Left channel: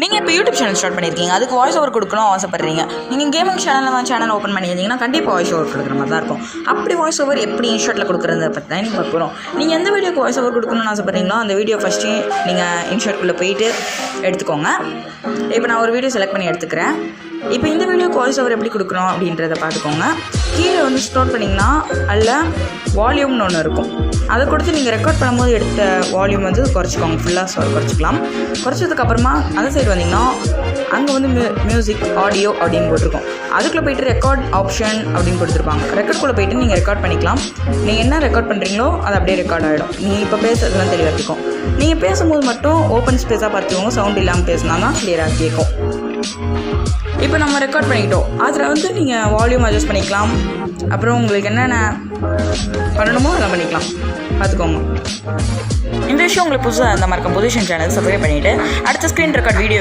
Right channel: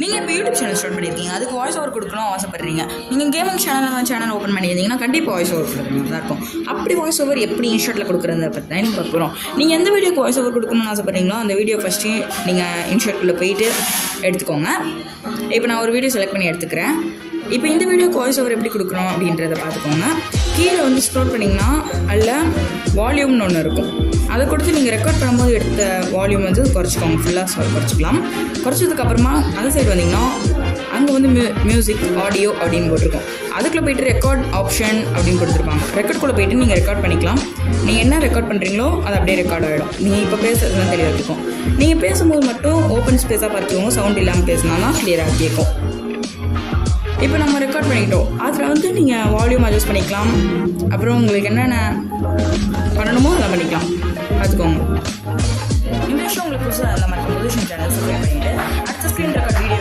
நீங்கள் இப்போ YouTube channel start பண்ணியிருக்கீங்க, அதுக்கு வாய்ஸ் ஓவர் கொடுக்கணும் ஆசைப்படுறீங்க. நீங்கள் கேமிங் சேனல் ஓப்பன் பண்ணியிருந்தீங்கன்னா கண்டிப்பாக வாய்ஸ் ஓவர் கொடுக்குற மாதிரி தான் இருக்கும். அப்படி வாய்ஸ் ஓவர் எப்படி இன்ஷாட்டில் கொடுக்குறத பற்றி தான் நீங்கள் பார்க்குறோம். நீங்கள் எந்த வீடியோக்கு வாய்ஸ் ஓவர் கொடுக்கணும்னு ஆசைப்படுறீங்களோ அந்த வீடியோ ஃபஸ்ட்டு நீங்கள் இன்ஷாட்குள்ளே போயிட்டு எடுத்துக்கோங்க. இப்போ நான் ஒரு வீடியோ செலக்ட் பண்ணி எடுத்துக்கிறேன். இப்போ இந்த வீடியோக்கு வாய்ஸ் ஓவர் எப்படி கொடுக்குறோம் அப்படின்றத பார்த்துக்கோங்க. கீழே வந்து ஸ்க்ரோல் பண்ணிங்கன்னா அதில் வால்யூம்னு ஒன்று இருக்கும். அதை கொடுத்து நீங்கள் ரெக்கார்ட் பண்ணும்போது எடுத்த வால்யூம் வந்து குறைச்சிக்கோங்க, ஃபுல்லாக குறைச்சிக்கலாம். குறைச்சதுக்கப்புறமா அந்த சைடு வந்தீங்கன்னா அங்கே வந்து மியூசிக் ஆடியோ அப்படின்னு போட்டிருக்கோம். அதுக்குள்ளே போய்ட்டு ரெக்கார்ட் ஆப்ஷன் அப்படின்னு கொடுத்துருப்பாங்க. ரெக்கார்ட்குள்ளே போய்ட்டு நீங்கள் ரெக்கார்ட் பண்ணிக்கலாம். நீங்கள் என்ன ரெக்கார்ட் பண்ணுறீங்களோ அது அப்படியே ரெக்கார்ட் ஆகிடும். நீங்கள் இப்போ பேசுறதுலாம் தெளிவாக இருக்கும். நீங்கள் பேசும்போது மட்டும் ஓப்பன் ஸ்பேஸாக பார்த்துக்கோங்க. சவுண்ட் இல்லாமல் பேசினா தான் கிளியராக கேட்கும். இப்போ நம்ம ரெக்கார்ட் பண்ணிக்கிட்டோம். அதில் வந்து நீங்கள் வால்யூம் அட்ஜஸ்ட் பண்ணிக்கலாம். அப்புறம் உங்களுக்கு என்னென்ன பண்ணணுமோ அதெல்லாம் பண்ணிக்கலாம். பார்த்துக்கோங்க. இந்த விஷயம் உங்களுக்கு புதுசாக அந்த மாதிரி பொசிஷன் சேனல் சப்ஸ்கிரைப் பண்ணிவிட்டு அடுத்த ஸ்க்ரீன் ரெக்கார்ட் வீடியோ